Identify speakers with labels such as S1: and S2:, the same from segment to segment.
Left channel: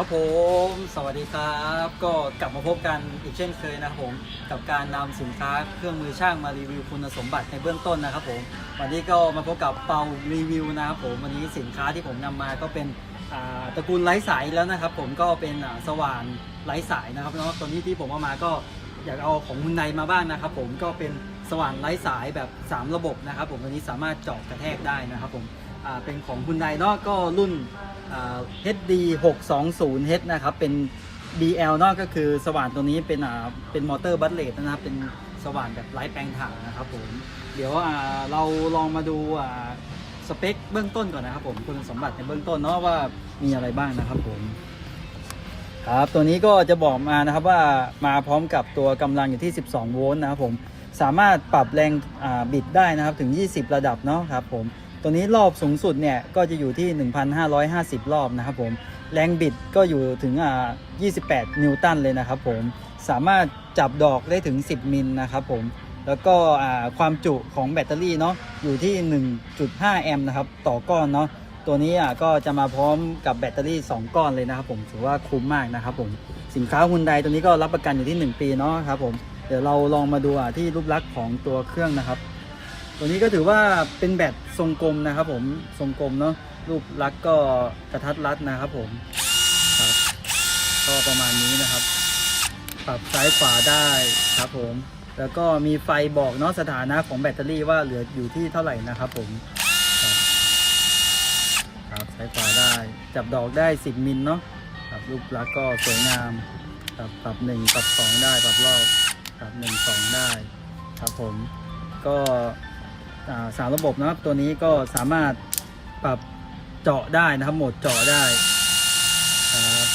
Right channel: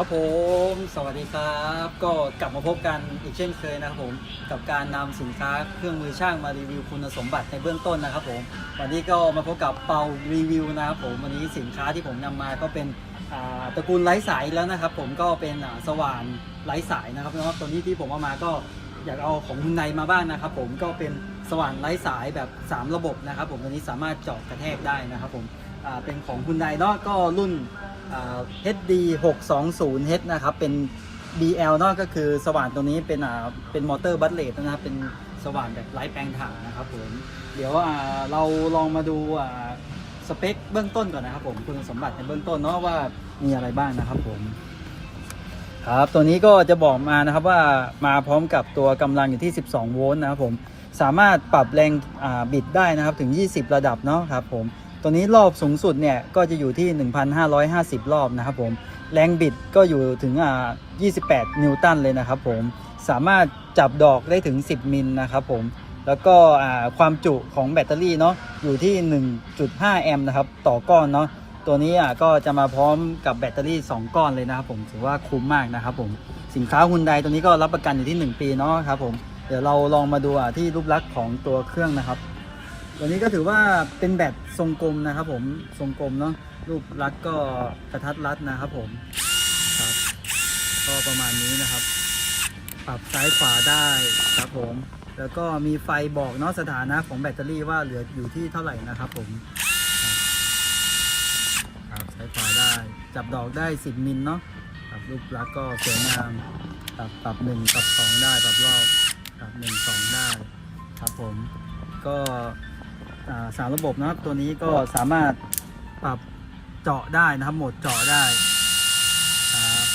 S1: ครับผมสวัสดีครับ ก็กลับมาพบกันอีกเช่นเคยนะครับผมกับการนำสินค้าเครื่องมือช่างมารีวิวคุณสมบัติในเบื้องต้นนะครับผมวันนี้ก็มาพบกับเปารีวิวนะครับผมวันนี้สินค้าที่ผมนำมาก็เป็นตระกูลไร้สายแล้วนะครับ ผมก็เป็นสว่านไร้สายนะครับแล้วก็ตัวนี้ที่ผมเอามาก็อยากเอาของมุนไนมาบ้างนะครับ ผมก็เป็นสว่านไร้สายแบบ 3 ระบบนะครับ ผมตัวนี้สามารถเจาะกระแทกได้นะครับ ผมเป็นของคุณไนเนาะก็รุ่น HD 620 H นะครับ เป็น BL เนอกก็คือสว่านตัวนี้เป็นเป็นมอเตอร์บัตเลตนะครับ เป็นสว่านแบบไร้แปลงถ่านนะครับผม เดี๋ยวเราลองมาดูสเปคเบื้องต้นก่อนนะครับผมคุณสมบัติในเบื้องต้นเนาะว่ามีอะไรบ้างนะครับผม ครับตัวนี้ก็จะบอกมานะครับว่ามาพร้อมกับตัวกำลังอยู่ที่ 12 โวลต์นะครับผม สามารถปรับแรงบิดได้นะครับถึง 20 ระดับเนาะครับผม ตัวนี้รอบสูงสุดเนี่ยก็จะอยู่ที่ 1,550 รอบนะครับผม แรงบิดก็อยู่ถึงอ่า28 นิวตันเลยนะครับผม สามารถจับดอกได้ถึง 10 มิลนะครับผม แล้วก็อ่าความจุของแบตเตอรี่เนาะอยู่ที่ 1.5 แอมป์นะครับต่อก้อนเนาะ ตัวนี้อะก็จะมาพร้อมกับแบตเตอรี่ 2 ก้อนเลยนะครับผม ถือว่าคุ้มมากนะครับผม สินค้าฮุนไดตัวนี้ก็รับประกันอยู่ที่ 1 ปีเนาะครับผม เดี๋ยวเราลองมาดูอะที่รูปลักษณ์ของตัวเครื่องนะครับ ตัวนี้ก็ถือว่าเป็นแบตทรงกลมนะครับผมทรงกลมเนาะรูปลักษณ์ก็กระทัดรัดนะครับผมครับก็ประมาณนี้นะครับ ปรับซ้ายขวาได้ครับผม แล้วก็มีไฟบอกเนาะสถานะของแบตเตอรี่ว่าเหลืออยู่ที่เท่าไหร่นะครับผมครับซ้ายขวาได้ จับดอกได้ 10 มิลเนาะครับรูปลักษณ์ก็สวยงามปรับปรับหนึ่งปรับสองได้ปรับรอบปรับหนึ่งสองได้ ครับผม ก็ สามระบบนะครับตัวนี้ก็สามารถปรับเจาะได้นะครับโหมดเจาะได้ครับ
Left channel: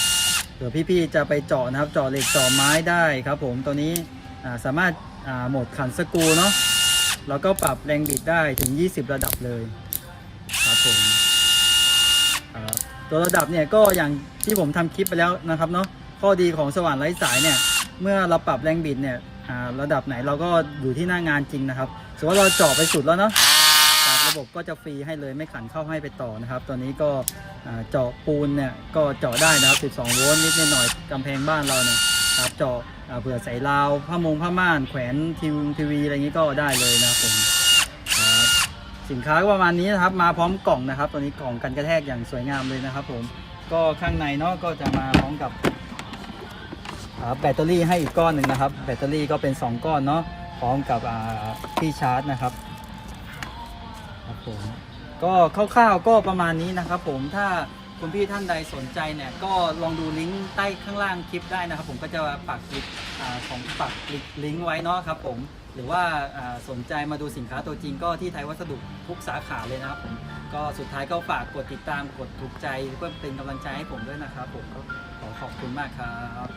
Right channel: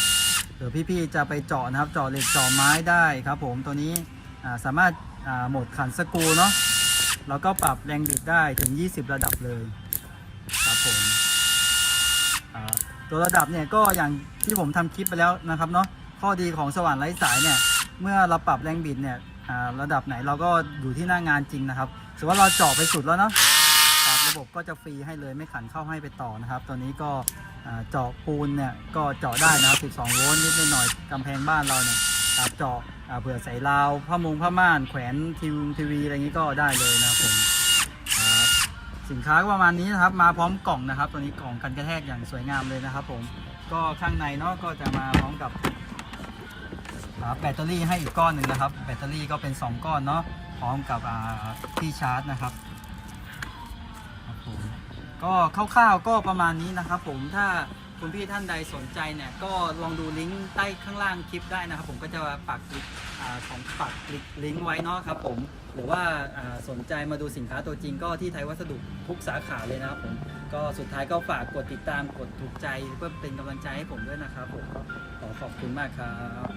S1: เดี๋ยวพี่ๆจะไปเจาะนะครับเจาะเหล็กเจาะไม้ได้ครับ ผมตัวนี้สามารถาโหมดขันสกรูเนาะแล้วก็ปรับแรงบิดได้ถึง 20 ระดับเลยครับผมตัวระดับเนี่ยก็อย่างที่ผมทำคลิปไปแล้วนะครับเนาะข้อดีของสว่านไร้สายเนี่ยเมื่อเราปรับแรงบิดเนี่ย ระดับไหนเราก็อยู่ที่หน้างานจริงนะครับสมมติว่าเราเจาะไปสุดแล้วเนาะระบบก็จะฟรีให้เลยไม่ขันเข้าให้ไปต่อนะครับ ตัวนี้ก็เจาะปูนเนี่ยก็เจาะได้นะครับ12โวลต์นิดหน่อยกำแพงบ้านเราเนี่ยเจาะเผื่อใส่ราวผ้ามงผ้าม่านแขวนทีวีทีวีอะไรอย่างนี้ก็ได้เลยนะครับผมสินค้าก็ประมาณนี้นะครับ มาพร้อมกล่องนะครับ ตัวนี้กล่องกันกระแทกอย่างสวยงามเลยนะครับ ผมก็ข้างในเนาะก็จะมาพร้อมกับ แบตเตอรี่ให้อีกก้อนหนึ่งนะครับ แบตเตอรี่ก็เป็น 2 ก้อนเนาะพร้อมกับที่ชาร์จนะครับครับผมก็คร่าวๆก็ประมาณนี้นะครับ ผมถ้าคุณพี่ท่านใดสนใจเนี่ยก็ลองดูลิงก์ใต้ข้างล่างคลิปได้นะครับ ผมก็จะปักลิงก์ของปักลิงก์ไว้เนาะครับ ผมหรือว่าสนใจมาดูสินค้าตัวจริงก็ที่ไทยวัสดุทุกสาขาเลยนะครับผมก็สุดท้ายก็ฝากกดติดตามกดถูกใจเพื่อเป็นกำลังใจให้ผมด้วยนะครับผมขอขอบคุณมากครับ